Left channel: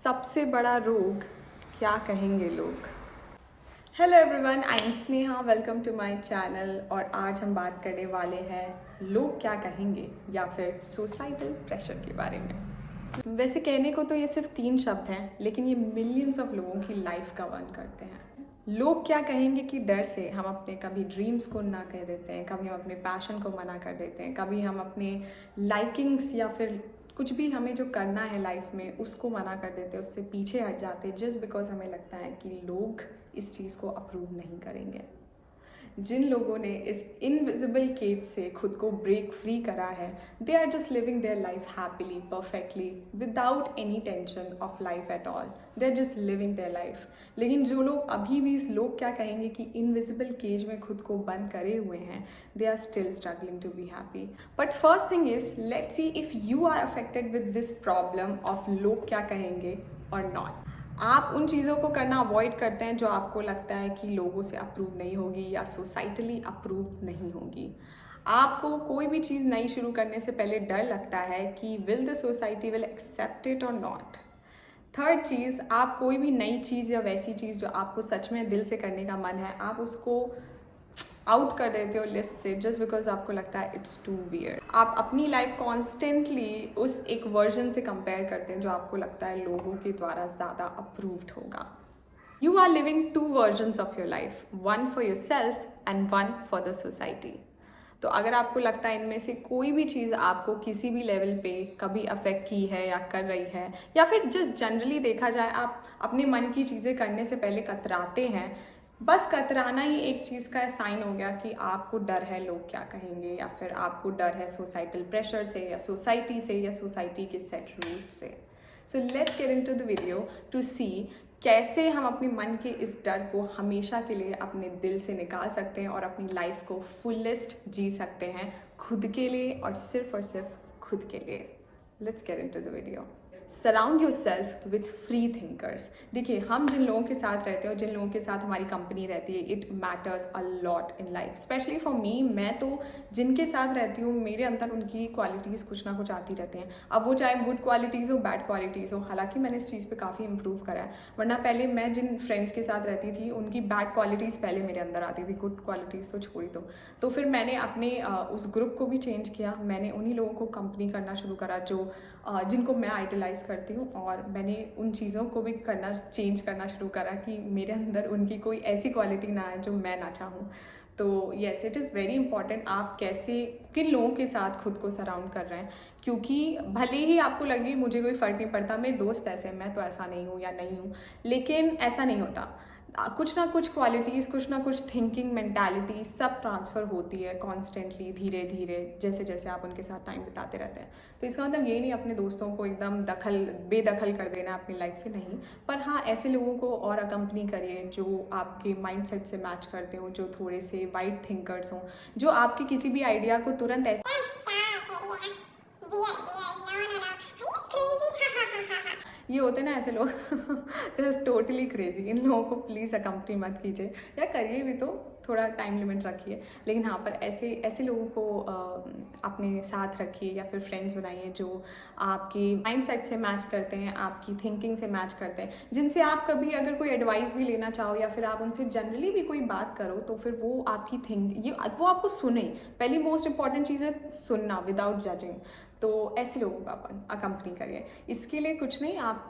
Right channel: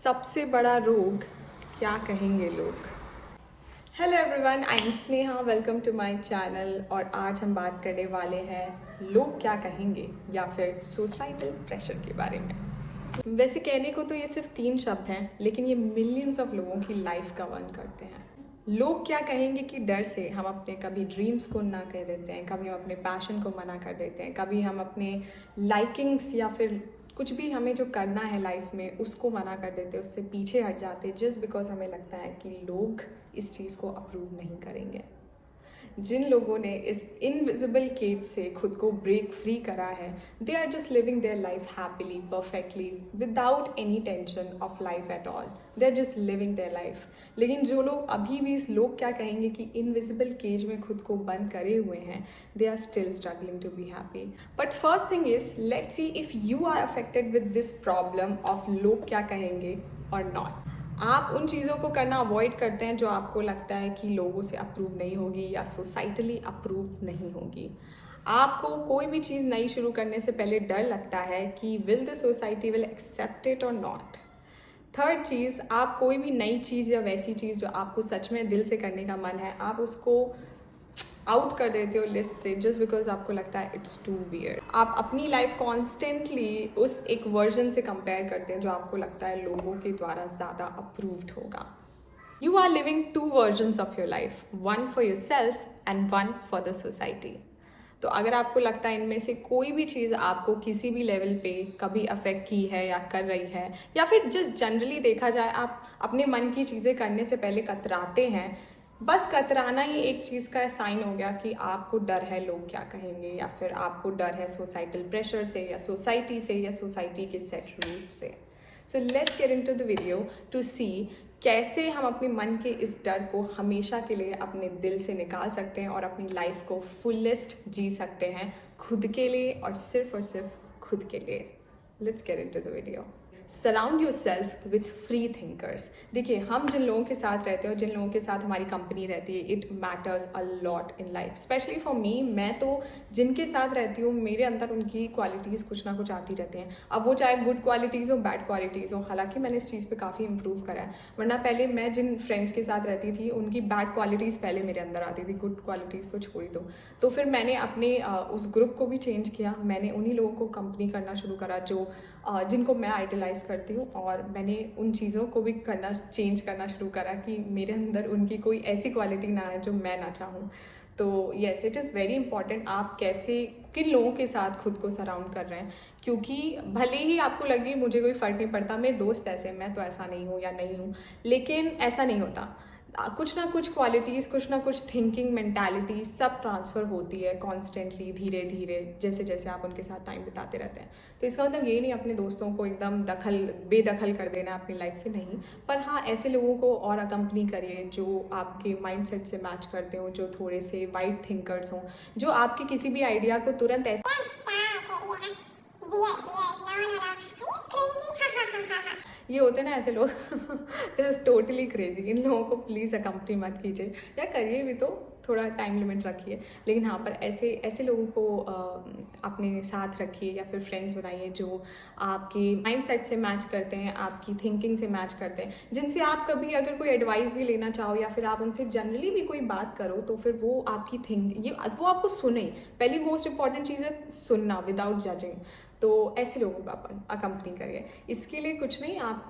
सबसे बड़ा रोग क्या कहेंगे लोग। Hello everyone, I am Sneha, welcome to my channel. और आज हम बात करने वाले हैं लोग क्या कहेंगे या फिर सोसाइटल प्रेशर के बारे में। वैसे कहने को तो ये सिर्फ 3 शब्द हैं, लेकिन ये मिलियंस ऑफ लोगों की लाइफ का वन करते हैं। लोग क्या कहेंगे कि डर से हम अपने कभी ड्रीम्स को ना कह देते हैं, कभी हम अपने पैशन को मना कर देते हैं, कभी हम अपने लाइकिंग्स या फिर कुछ भी हमें जो करना है लाइफ में उसको मना कर देते हैं, उससे पीछे हट जाते हैं जस्ट बिकॉज हमें लगता है कि लोग इस चीज़ को अप्रूव नहीं करेंगे। जिन लोगों ने इस इनविजिबल केज से खुद को ब्रेक फ्री करा है, they are just living their life happily, perfectly, without any tension of life at all. They are just living their life. लेकिन जो लोग अभी भी इस लोग क्या कहेंगे कि इनविजिबल केज में खुद को बंद करे हुए हैं, they are still struggling to be happy. But first thing is, let's see if you are affected with this problem of लोग क्या कहेंगे और नॉट। आप उन चीज़ों को करना अवॉइड करते हैं जो आपको लगता है कि लोगों से अप्रूव नहीं होगी या सोसाइटली अप्रूव नहीं होगी। आपको कोई भी चीज़ नई शुरू करने से पहले डर लगता है कि will the society will accept it और नॉट। थर्ड चीज़, आप कोई भी नई चीज़ या वैसी चीज़ जो आपको सच में दिल से करने का मन है, आप उसको आउट कर देते हो लिस्ट से जस्ट बिकॉज आपको लगता है इट्स टू वियर्ड। आप अपनी लाइफ कॉन्स्टेंटली उस एक वर्जन से कंपेयर करते हैं जो आपको लगता है लोगों के द्वारा ज़्यादा अप्रूव्ड होगा। You are living 2 versions of your life, one for yourself and one for the society. तो अगर आपको लगता है इनमें से कोई भी चीज़ आपको किसी भी लेवल पे कभी अफेक्ट की है या कर रही है, या फिर जस्ट जनरली देखा जाए आप अपने मन की चीज़ें करने से पहले कतराते हैं, बस कतराना ही एक चीज़ का साइन हो गया कि आपको डर है लोग क्या कहेंगे, या फिर आपको डर है सोसाइटल प्रेशर से या सोसाइटी के सेट रूल्स से। So let's get into the video to see कैसे हम अपने मन के इस डर को हमेशा के लिए अपने दिल से निकाल सकते हैं और अपनी लाइफ को फुलेस्ट जी सकते हैं, खुद के लिए और सिर्फ खुद के लिए। Let's get into the video. Surround your self with free thinkers. देखिए, हम जिन लोगों के साथ रहते हैं और जिन लोगों के साथ हमारी कंपनी रहती है, it matters a lot in life, specially for me. मैं तो जिनके साथ रहती हूँ मेरे अंदर उनकी क्वालिटीज़ कुछ ना कुछ आती रहती हैं। अब वो चाहे गुड क्वालिटीज़ हो, बैड क्वालिटीज़ हो। हालांकि मैंने इस चीज़ पे काफ़ी इंप्रूव करा है, वरना पहले मैं जिन फ्रेंड्स के साथ रहती थी उनकी बैड क्वालिटीज़ पहले मेरे अंदर आती थी, गुड क्वालिटीज़ तो छोड़ी दो। तो फिर मैंने अपने उस ग्रुप को भी चेंज किया। मैंने उन्हीं लोगों को कंपनी करना शुरू करा जो जिनको मैं आइडलाइज करती हूँ, और मैंने उन चीज़ों को भी चेंज करना शुरू करा कि मेरे अंदर उनकी कोई ऐसी क्वालिटी ना आए जो मैं ना चाहूँ। तो yes, it is very important आप कैसे किन लोगों के साथ खुद को सराउंड कर रहे हैं, क्योंकि भले ही आपको लगे मुझे कोई फ़र्क नहीं पड़ता, मेरे दोस्त ऐसे हैं, मैं तो ऐसा नहीं हूँ या नहीं हूँ, लेकिन ऐसा नहीं होता। कुछ ना कुछ क्वालिटीज़, कुछ ना कुछ थिंकिंग, मेंटालिटी सब ट्रांसफ़र होती है कॉन्स्टेंटली, धीरे धीरे, जैसे जैसे आप उनके साथ टाइम बिताते रहते हैं। तो इसका मतलब ये नहीं अपने दोस्तों को एकदम बेदखल कर देना अपनी लाइफ से, नहीं। पर हाँ, ऐसे लोगों को और अकम्पनी करिए जो आपके माइंडसेट से मैच करते हो, जो थोड़े से वाइड थिंकर्स हों, जो आपके किसी भी आइडिया को तुरंत ऐसे ये होते ना ऐसे लोग दे आर टोटली क्रेजी। इन लोगों को प्लीज़ अकम्पनी मत कीजिए, या करिए भी तो थोड़ा टाइम लिमिट रखिए। लेकिन हाँ, पर ऐसे लोगों को अपने साथ रखिए या फिर फ्रेंड्स बनाइए जो आपकी माइंडसेट से मैच करते हैं, आपकी थिंकिंग से मैच करते हैं, जिनसे आप कभी अगर कोई एडवाइस भी लेना चाहो या फिर आप उनसे जनरली भी कोई बात करो तो फिर वो आपकी वो आपको सुने। पहली मोस्ट इंपॉर्टेंट चीज़ है सुनना विदाउट जजिंग। तो ऐसे लोगों का अकम्पनी करिए। इसके लिए कुछ नहीं, आप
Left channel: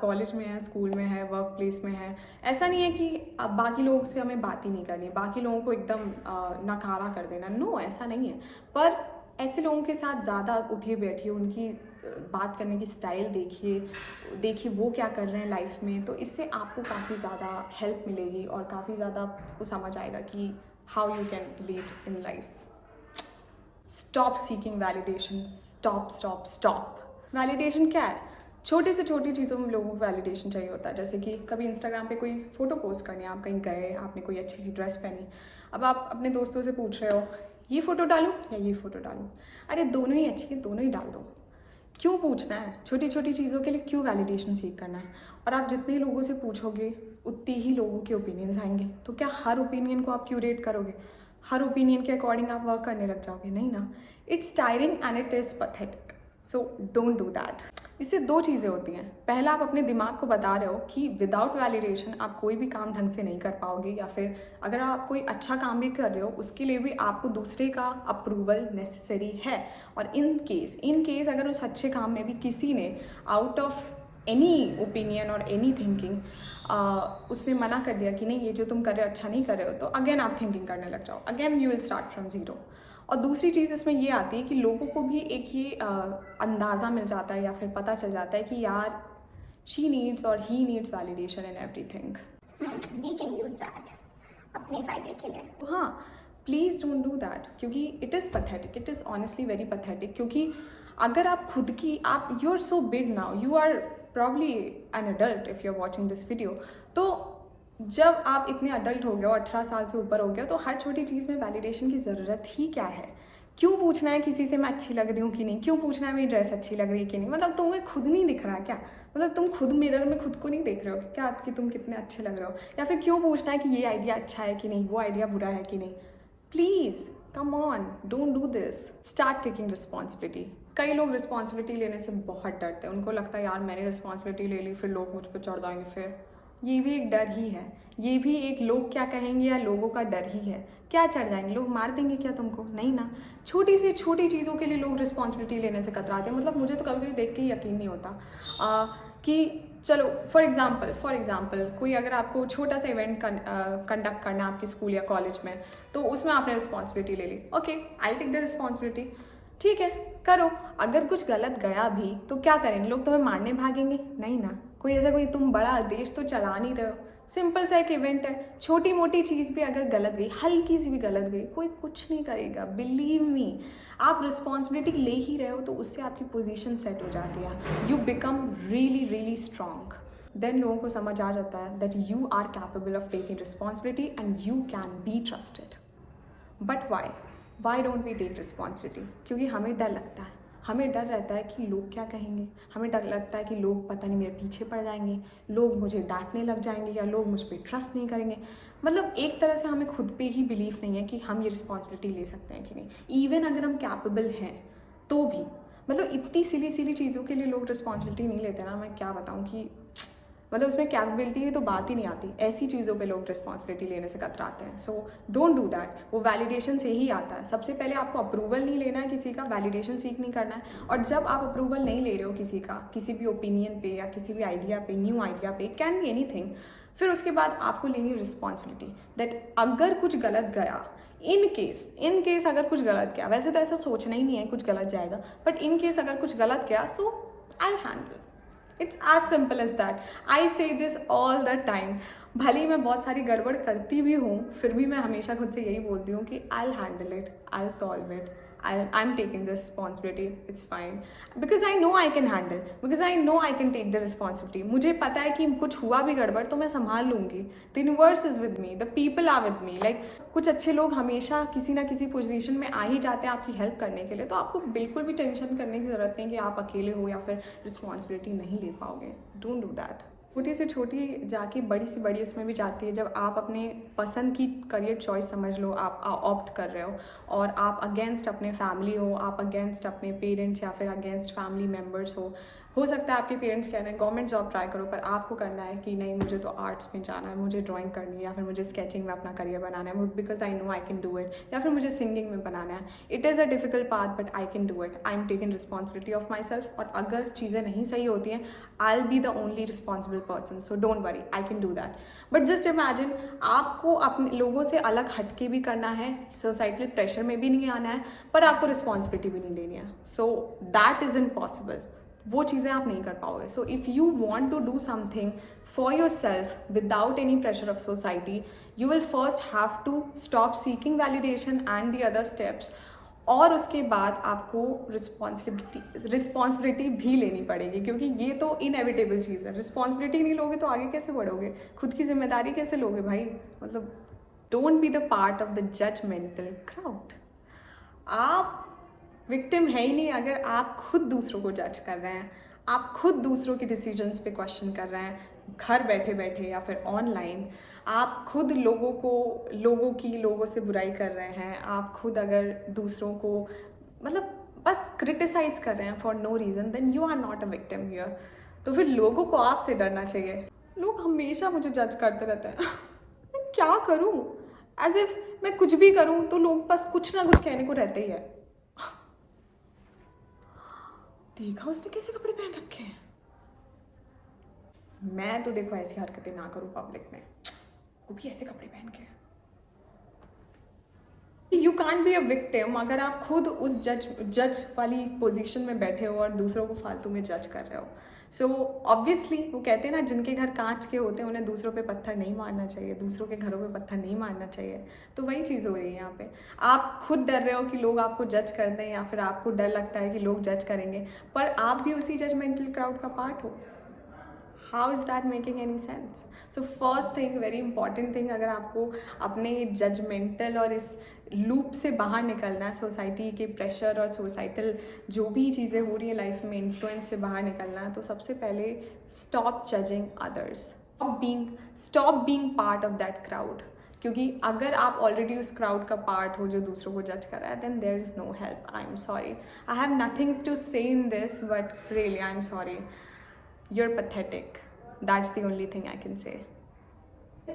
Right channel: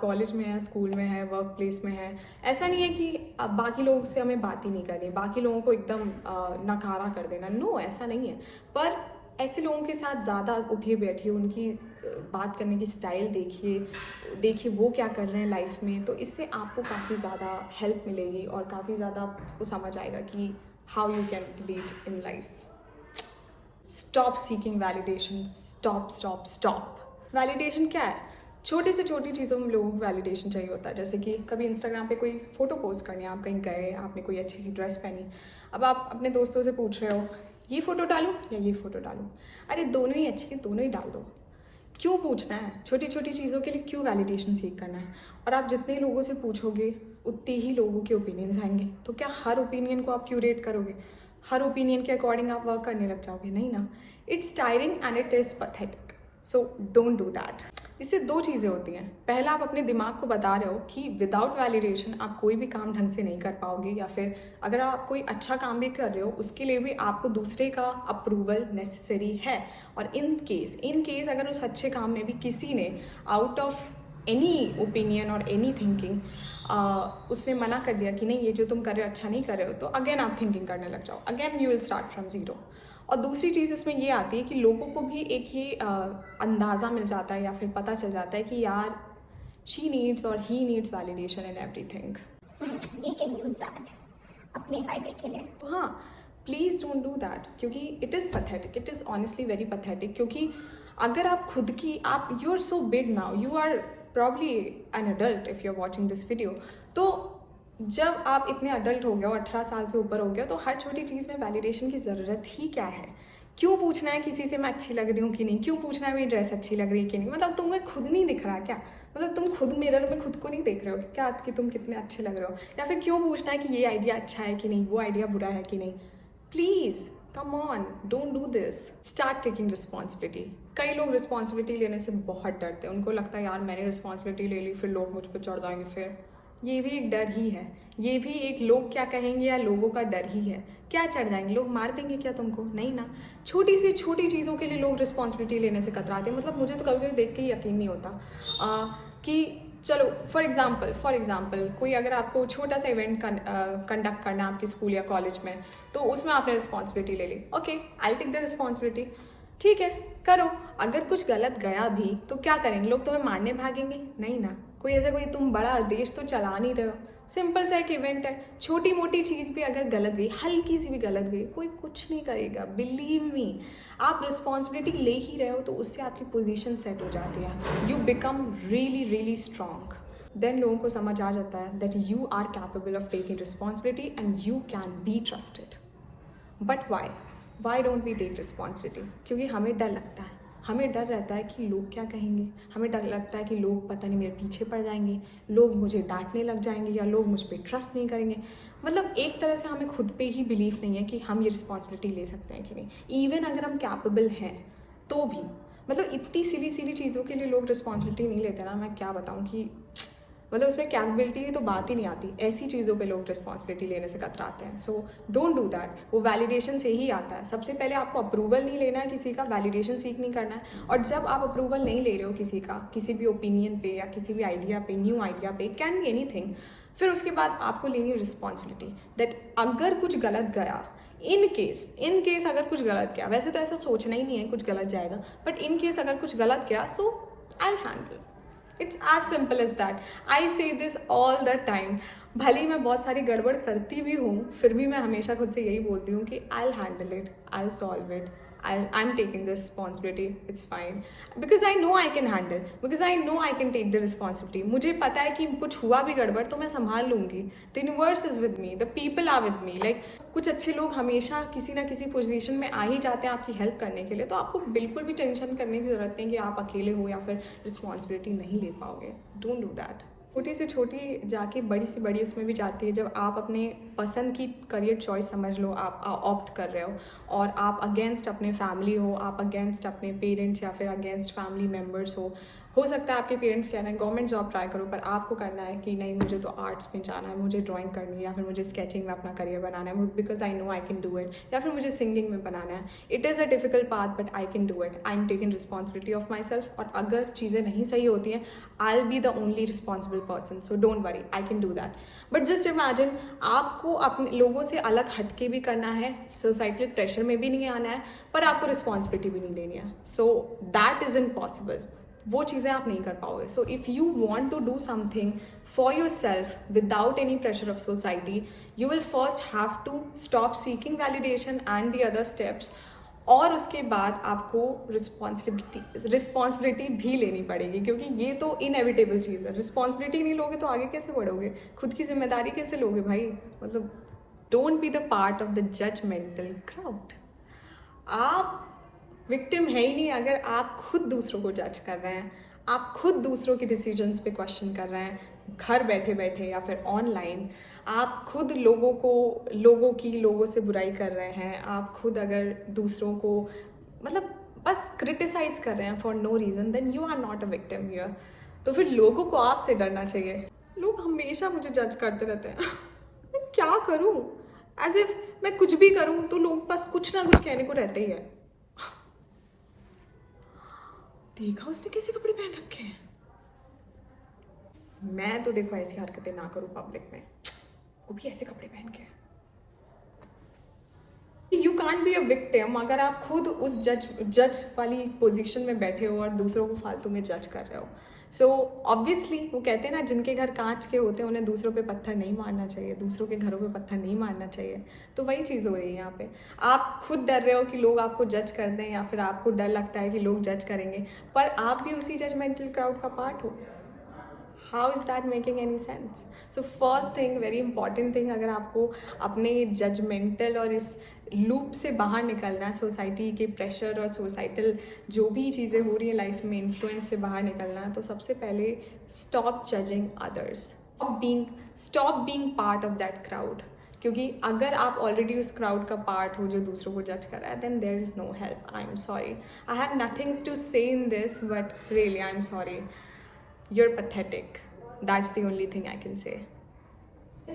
कॉलेज में हैं, स्कूल में है, वर्क प्लेस में है, ऐसा नहीं है कि बाकी लोगों से हमें बात ही नहीं करनी, बाकी लोगों को एकदम नकारा कर देना, नो, ऐसा नहीं है। पर ऐसे लोगों के साथ ज़्यादा उठिए बैठिए, उनकी बात करने की स्टाइल देखिए वो क्या कर रहे हैं लाइफ में, तो इससे आपको काफ़ी ज़्यादा हेल्प मिलेगी और काफ़ी ज़्यादा आपको समझ आएगा कि how you can lead in life. Stop seeking validation. Stop. Validation क्या है? छोटी से छोटी चीज़ों में लोगों को वैलिडेशन चाहिए होता है। जैसे कि कभी इंस्टाग्राम पे कोई फ़ोटो पोस्ट करनी है, आप कहीं गए, आपने कोई अच्छी सी ड्रेस पहनी, अब आप अपने दोस्तों से पूछ रहे हो ये फ़ोटो डालूँ या ये फ़ोटो डालूँ। अरे दोनों ही अच्छी है, दोनों ही डाल दो। क्यों पूछना है? छोटी छोटी चीज़ों के लिए क्यों वैलिडेशन सीख करना है? और आप जितने लोगों से पूछोगे उतने ही लोगों के ओपिनियंस आएंगे। तो क्या हर ओपिनियन को आप क्यूरेट करोगे? हर ओपिनियन के अकॉर्डिंग आप वर्क करने लग जाओगे? नहीं ना। It's tiring and it is pathetic, so don't do that. इससे दो चीज़ें होती हैं। पहला, आप अपने दिमाग को बता रहे हो कि विदाउट वैलिडेशन आप कोई भी काम ढंग से नहीं कर पाओगे, या फिर अगर आप कोई अच्छा काम भी कर रहे हो उसके लिए भी आपको दूसरे का अप्रूवल नेसेसरी है। और इन केस अगर उस अच्छे काम में भी किसी ने आउट ऑफ एनी ओपिनियन और एनी थिंकिंग उसने मना कर दिया कि नहीं ये जो तुम कर रहे हो अच्छा नहीं कर रहे हो, तो अगेन आप थिंकिंग करने लग जाओ, again you will start from zero. और दूसरी चीज़ इसमें ये आती है कि लोगों को भी एक ये अंदाज़ा मिल जाता है या फिर पता चल जाता है कि यार शी नीड्स और he needs validation in everything. We can use that अपने फायदे के लिए। हाँ, प्लीज़ डोंट डू दैट, क्योंकि it is pathetic, it is honestly very pathetic. क्योंकि अगर आप खुद की आप you are so big now, you are probably an adult if you are watching this video, तो जब आप इतने अडल्ट हो गए हो, 18 साल से ऊपर हो गए, तो हर छोटी चीज़ में वैलिडेशन की ज़रूरत ही क्या है? क्यों पूछना है किसी से मैं अच्छी लग रही हूँ कि नहीं? क्यों पूछना है मेरी ड्रेस अच्छी लग रही है कि नहीं? मतलब तुम्हें खुद नहीं दिख रहा क्या? मतलब तुम खुद मिरर में खुद को नहीं देख रहे हो क्या कि तुम कितने अच्छे लग रहे हो? या फिर क्यों पूछना है कि ये आइडिया अच्छा है कि नहीं, वो आइडिया बुरा है कि नहीं? Please come on, don't do this, start taking responsibility. कई लोग रिस्पॉन्सिबिलिटी लेने से बहुत डरते हैं, उनको लगता है यार मैंने रिस्पॉन्सिबिलिटी ले ली फिर लोग मुझ पर चढ़ जाएंगे, फिर ये भी एक डर ही है, ये भी एक लोग क्या कहेंगे या लोगों का डर ही है। क्या चढ़ जाएंगे लोग, मार देंगे क्या तुमको? नहीं ना। छोटी सी छोटी चीज़ों के लिए लोग रिस्पॉन्सिबिलिटी लेने से कतराते हैं। मतलब मुझे तो कभी कभी देख के ही यकीन नहीं होता कि चलो फॉर एग्जाम्पल कोई अगर आपको छोटा सा इवेंट कंडक्ट करना है आपके स्कूल या कॉलेज में, तो उसमें आपने रिस्पॉन्सिबिलिटी ले ली, okay I take the responsibility, ठीक है करो। अगर कुछ गलत गया भी तो क्या करेंगे लोग, तुम्हें मारने भागेंगे? नहीं ना। कोई ऐसा कोई तुम बड़ा देश तो चला नहीं रहे हो, सिंपल सा एक इवेंट है, छोटी मोटी चीज़ भी अगर गलत गई, हल्की सी भी गलत गई, कोई कुछ नहीं करेगा, बिलीव मी। आप रिस्पॉन्सिबिलिटी ले ही रहे हो तो उससे आपकी पोजीशन सेट हो जाती है, you become really really strong. Then लोगों को समझ आ जाता है that you are capable of taking responsibility and you can be trusted. But why don't we take responsibility? क्योंकि हमें डर लगता है, हमें डर रहता है कि लोग क्या कहेंगे, हमें डर लगता है कि लोग पता नहीं मेरे पीछे पड़ जाएंगे, लोग मुझे डांटने लग जाएंगे या लोग मुझ पर ट्रस्ट नहीं करेंगे। मतलब एक तरह से हमें खुद पे ही बिलीफ नहीं है कि हम ये रिस्पॉन्सिबिलिटी ले सकते हैं कि नहीं। इवन अगर हम कैपेबल हैं तो भी मतलब इतनी सिली सिली चीज़ों के लिए लोग रिस्पॉन्सिबिलिटी नहीं लेते ना, मैं क्या बताऊँ कि मतलब उसमें कैपेबिलिटी की तो बात ही नहीं आती, ऐसी चीज़ों पे लोग रिस्पॉन्सिबिलिटी लेने से कतराते हैं। So don't do that. वो वैलिडेशन से ही आता है। सबसे पहले आपको अप्रूवल नहीं लेना है किसी का, वैलिडेशन सीख नहीं करना है। और जब आप अप्रूवल नहीं ले रहे हो किसी का, किसी भी ओपिनियन पे या किसी भी आइडिया पे, न्यू आइडिया पे, कैन बी एनीथिंग, फिर उसके बाद आपको लेनी है रिस्पॉन्सिबिलिटी दैट अगर कुछ गलत गया, इन केस अगर कुछ गलत गया, वैसे तो ऐसा सोचना ही नहीं है कुछ गलत जाएगा, बट इन केस अगर कुछ गलत गया so I handle. It's as simple as that. I say this all the time. भले ही मैं बहुत सारी गड़बड़ करती भी हूँ, फिर भी मैं हमेशा खुद से यही बोलती हूँ कि I'll handle it, I'll solve it, I'm taking the responsibility, it's fine. Because I know I can handle, because I know I can take the responsibility. मुझे पता है कि कुछ हुआ भी गड़बड़ तो मैं संभाल लूँगी. The universe is with me, the people are with me. Like कुछ अच्छे लोग हमेशा किसी ना किसी पोजीशन में आ ही जाते हैं आपकी हेल्प करने के लिए, तो आपको बिल्कुल भी टेंशन करने की ज़रूरत नहीं कि आप अकेले हो या फिर रिस्पॉन्सिबिलिटी नहीं ले पाओगे। Don't do that. छोटी से छोटी जाके बड़ी से बड़ी उसमें भी जाती है जब आप अपने पसंद की करियर चॉइस समझ लो, आप ऑप्ट कर रहे हो और आप अगेंस्ट अपने फैमिली हो, आप अगेंस्ट अपने पेरेंट्स या फिर अगेंस्ट फैमिली मेम्बर्स हो सकता है आपके पेरेंट्स कह रहे हैं गवर्नमेंट जॉब ट्राई करो, पर आपको करना है कि नहीं मुझे तो आर्ट्स में जाना है, मुझे ड्राइंग करनी है या फिर मुझे स्केचिंग में अपना करियर बनाना है because I know I can do it, या फिर मुझे सिंगिंग में बनाना है। It is a difficult path but I can do it. I am taking responsibility of my self, और अगर चीज़ें नहीं सही होती हैं I will be the only responsible person, so don't worry, I can do that. But just imagine आपको अपने लोगों से अलग हटके भी करना है, सोसाइटल प्रेशर में भी नहीं आना है, पर आपको रिस्पॉन्सिबिलिटी भी नहीं लेनी है, सो दैट इज़ इम्पॉसिबल। वो चीज़ें आप नहीं कर पाओगे। So if you want to do something for yourself without any pressure of society, you will first have to stop seeking validation and the other steps, और उसके बाद आपको रिस्पॉन्सिबिलिटी भी लेनी पड़ेगी, क्योंकि ये तो इनएविटेबल चीज़ है। रिस्पॉन्सिबिलिटी नहीं लोगे तो आगे कैसे बढ़ोगे, खुद की जिम्मेदारी कैसे लोगे भाई। मतलब don't be the part of the judgmental crowd. आप विक्टिम है ही नहीं अगर आप खुद दूसरों को जज कर रहे हैं, आप खुद दूसरों के डिसीजंस पे क्वेश्चन कर रहे हैं, घर बैठे बैठे या फिर ऑनलाइन। आप खुद लोगों से बुराई कर रहे हैं, आप खुद अगर दूसरों को मतलब बस क्रिटिसाइज कर रहे हैं for no reason, then you are not a victim here. तो फिर लोगों को आपसे डरना चाहिए। लोग हमेशा मुझे जज करते रहते हैं मैं क्या करूं, एज इफ मैं कुछ भी करूं तो लोग बस कुछ ना कुछ कहने को रहते ही है। देखा उसने कैसे कपड़े पहन रखे हैं। मैं तो देखो ऐसी हरकतें ना करूं पब्लिक में, वो भी ऐसे कपड़े पहन के। You can't be a victim अगर आप खुद उस जज वाली पोजीशन में बैठे हो और दूसरों को फालतू में जज कर रहे हो। सो ऑब्वियसली वो कहते हैं ना, जिनके घर कांच के होते हैं उन्हें दूसरों पे पत्थर नहीं मारना चाहिए, दूसरों के घरों पे पत्थर नहीं मारना चाहिए। तो वही चीज़ हो रही है यहाँ पे। आप खुद डर रहे हो कि लोग आपको जज कर दें, या फिर आपको डर लगता है कि लोग जज करेंगे, पर आप भी उसी जजमेंटल क्राउड का पार्ट हो। How is that making any sense? So first thing, very important thing, अगर आपको अपने जजमेंटल और इस लूप से बाहर निकलना है, सोसाइटी के प्रेशर और सोसाइटल जो भी चीज़ें हो रही है लाइफ में इन्फ्लुएंस से बाहर निकलना है, तो सबसे पहले stop judging others, stop being part of that crowd. क्योंकि अगर आप ऑलरेडी उस क्राउड का पार्ट हो जो दूसरों को जज कर रहा है, then there is no help. I am sorry, I have nothing to say in this, but really I am sorry, you're pathetic. That's the only thing I can say.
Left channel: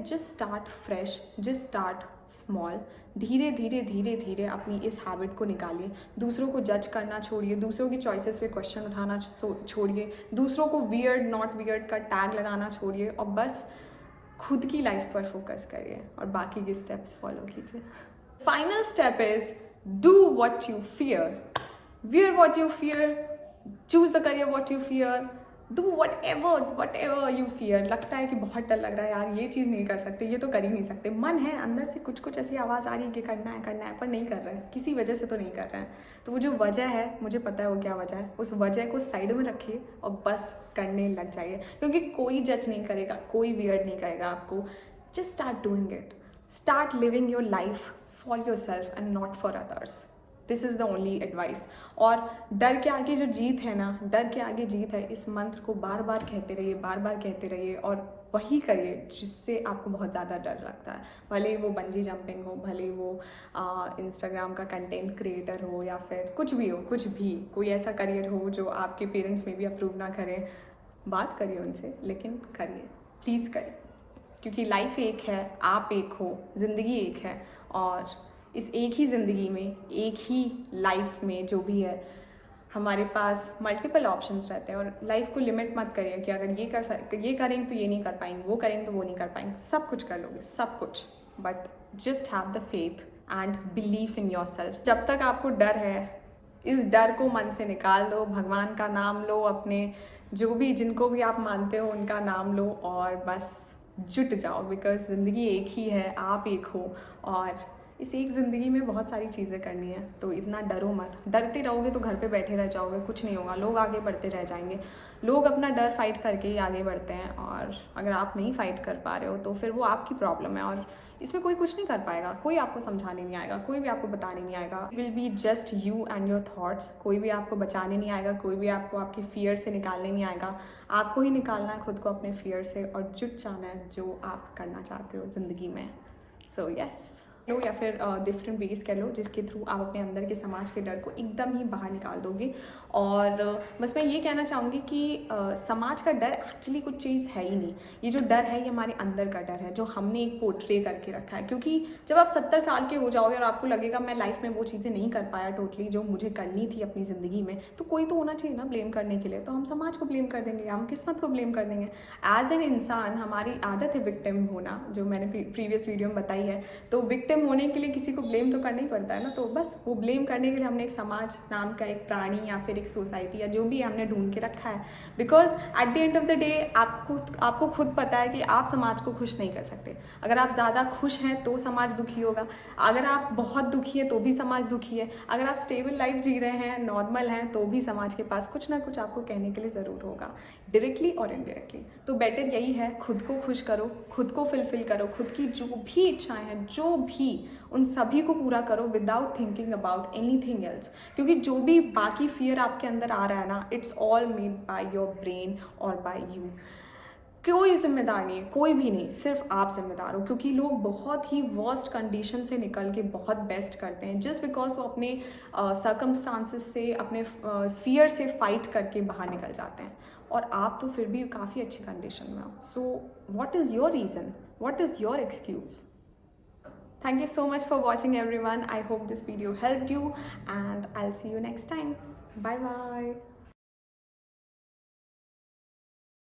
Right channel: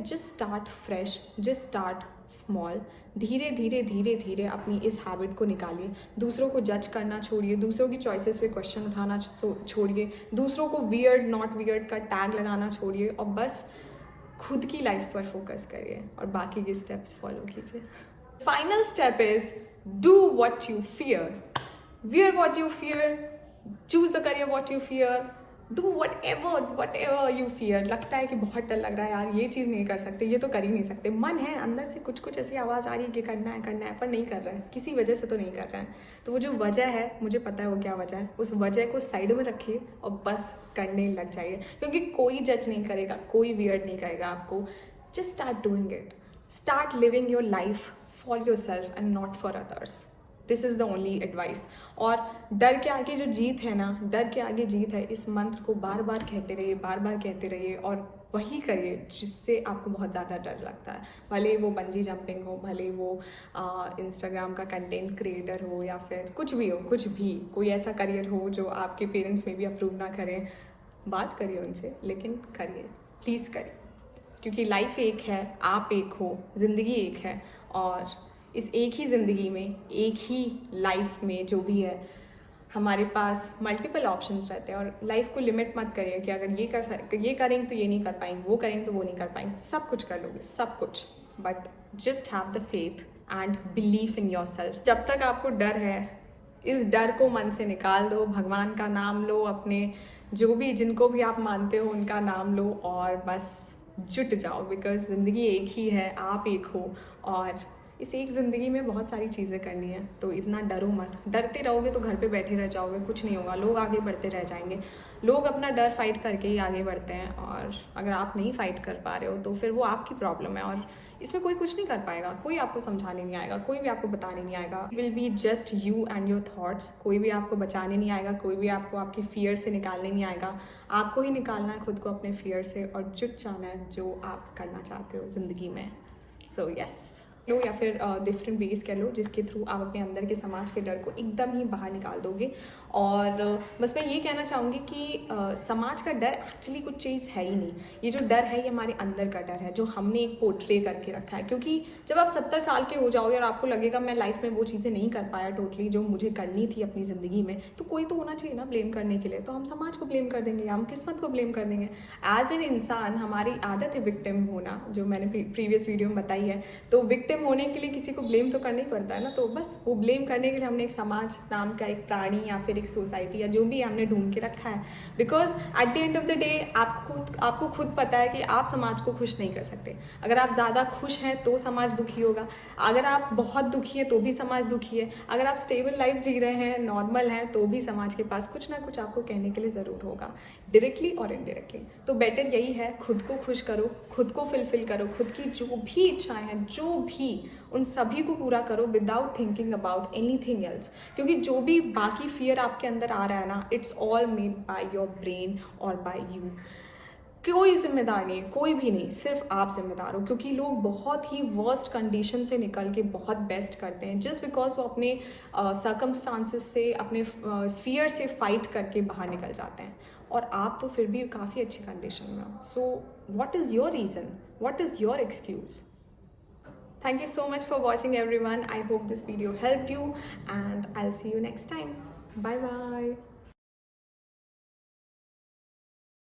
Just start fresh, just start small. धीरे धीरे धीरे धीरे अपनी इस habit को निकालिए। दूसरों को जज करना छोड़िए, दूसरों की चॉइसेस पे क्वेश्चन उठाना छोड़िए, दूसरों को वियर्ड नॉट वियर्ड का टैग लगाना छोड़िए, और बस खुद की लाइफ पर फोकस करिए और बाकी के स्टेप्स फॉलो कीजिए। Final step is do what you fear, wear what you fear, choose the career what you fear, do what ever you fear. लगता है कि बहुत डर लग रहा है यार, ये चीज़ नहीं कर सकते, ये तो कर ही नहीं सकते, मन है अंदर से कुछ ऐसी आवाज़ आ रही है कि करना है पर नहीं कर रहे हैं, किसी वजह से तो नहीं कर रहे हैं। तो वो जो वजह है, मुझे पता है वो क्या वजह है, उस वजह को साइड में रखिए और बस करने लग जाइए। क्योंकि कोई जज नहीं करेगा, कोई वियर्ड नहीं करेगा आपको। Just start doing it, start living your life for yourself and not for others. This is the only advice. और डर के आगे जो जीत है ना, डर के आगे जीत है, इस मंत्र को बार बार कहते रहिए, बार बार कहते रहिए, और वही करिए जिससे आपको बहुत ज़्यादा डर लगता है। भले वो बंजी जंपिंग हो, भले वो इंस्टाग्राम का कंटेंट क्रिएटर हो, या फिर कुछ भी हो, कुछ भी कोई ऐसा करियर हो जो आपके पेरेंट्स में भी अप्रूव ना करें, बात करिए उनसे, लेकिन करिए, प्लीज़ करिए। क्योंकि लाइफ एक है, आप एक हो, ज़िंदगी एक है, और इस एक ही ज़िंदगी में, एक ही लाइफ में जो भी है, हमारे पास मल्टीपल ऑप्शंस रहते हैं। और लाइफ को लिमिट मत करिए कि अगर ये करेंगे तो ये नहीं कर पाएंगे, वो करेंगे तो वो नहीं कर पाएंगे। सब कुछ कर लोगे, सब कुछ, but just have the faith and believe in your self. जब तक आपको डर है, इस डर को मन से निकाल दो, भगवान का नाम लो, अपने जो भी जिनको भी आप मानते हो उनका नाम लो, और बस जुट जाओ। बिकॉज ज़िंदगी एक ही है, आप एक हो, और इस एक ज़िंदगी में बहुत सारी चीज़ें करनी है। तो इतना डरो मत, डरते रहोगे तो घर पे बैठे रह जाओगे, कुछ नहीं होगा, लोग आगे बढ़ते रह जाएंगे। लोग अपना डर फाइट करके ही आगे बढ़ते हैं, और अगर आप नहीं फाइट कर पा रहे हो तो फिर वो आपकी प्रॉब्लम है, और इसमें कोई कुछ नहीं कर पाएगा, कोई आपको समझाने नहीं आएगा, कोई भी आपको बताने नहीं आएगा। Will be just you and your thoughts. कोई भी आपको बचाने नहीं आएगा, कोई भी आपको आपकी फियर से निकालने नहीं आएगा। आपको ही निकालना है खुद को अपने फियर से, और जुट जाना है जो आप करना चाहते हो ज़िंदगी में। सो यस, लो, या फिर डिफरेंट वेज कह लो, जिसके थ्रू आप अपने अंदर के समाज के डर को एकदम ही बाहर निकाल दोगे। और बस मैं ये कहना चाहूँगी कि समाज का डर एक्चुअली कुछ चीज़ है ही नहीं। ये जो डर है, ये हमारे अंदर का डर है, जो हमने एक पोर्ट्रे करके रखा है। क्योंकि जब आप 70 साल के हो जाओगे और आपको लगेगा मैं लाइफ में वो चीज़ें नहीं कर पाया टोटली जो मुझे करनी थी अपनी ज़िंदगी में, तो कोई तो होना चाहिए ना ब्लेम करने के लिए। तो हम समाज को ब्लेम कर देंगे, हम किस्मत को ब्लेम कर देंगे। एज एन इंसान हमारी आदत है विक्टिम होना, जो मैंने प्रीवियस वीडियो में बताई है। तो विक्टिम होने के लिए किसी को ब्लेम तो करना ही पड़ता है ना। तो बस वो ब्लेम करने के लिए हमने एक समाज नाम का एक प्राणी या फिर एक सोसाइटी या जो भी हमने ढूंढ के रखा है। Because at the end of the day आपको खुद पता है कि आप समाज को खुश नहीं कर सकते। अगर आप ज़्यादा खुश हैं तो समाज दुखी होगा, अगर आप बहुत दुखी हैं तो भी समाज दुखी है, अगर आप स्टेबल लाइफ जी रहे हैं, नॉर्मल हैं, तो भी समाज के पास कुछ ना कुछ आपको कहने के लिए ज़रूर होगा, डायरेक्टली और इनडायरेक्टली। तो बेटर यही है, खुद को खुश करो, खुद को फुलफिल करो, खुद की जो भी इच्छाएं हैं, जो भी, उन सभी को पूरा करो without thinking about anything else. क्योंकि जो भी बाकी फियर आपके अंदर आ रहा है ना, it's all made by your brain और बाय यू। कोई जिम्मेदार नहीं है, कोई भी नहीं, सिर्फ आप जिम्मेदार हो, क्योंकि लोग बहुत ही वर्स्ट कंडीशन से निकल के बहुत बेस्ट करते हैं जस्ट बिकॉज वो अपने सर्कमस्टांसिस से, अपने फियर से फाइट करके बाहर निकल जाते हैं, और आप तो फिर भी काफ़ी अच्छी कंडीशन में हो. So what is your reason, what is your excuse? Thank you so much for watching everyone. I hope this video helped you and I'll see you next time. Bye bye.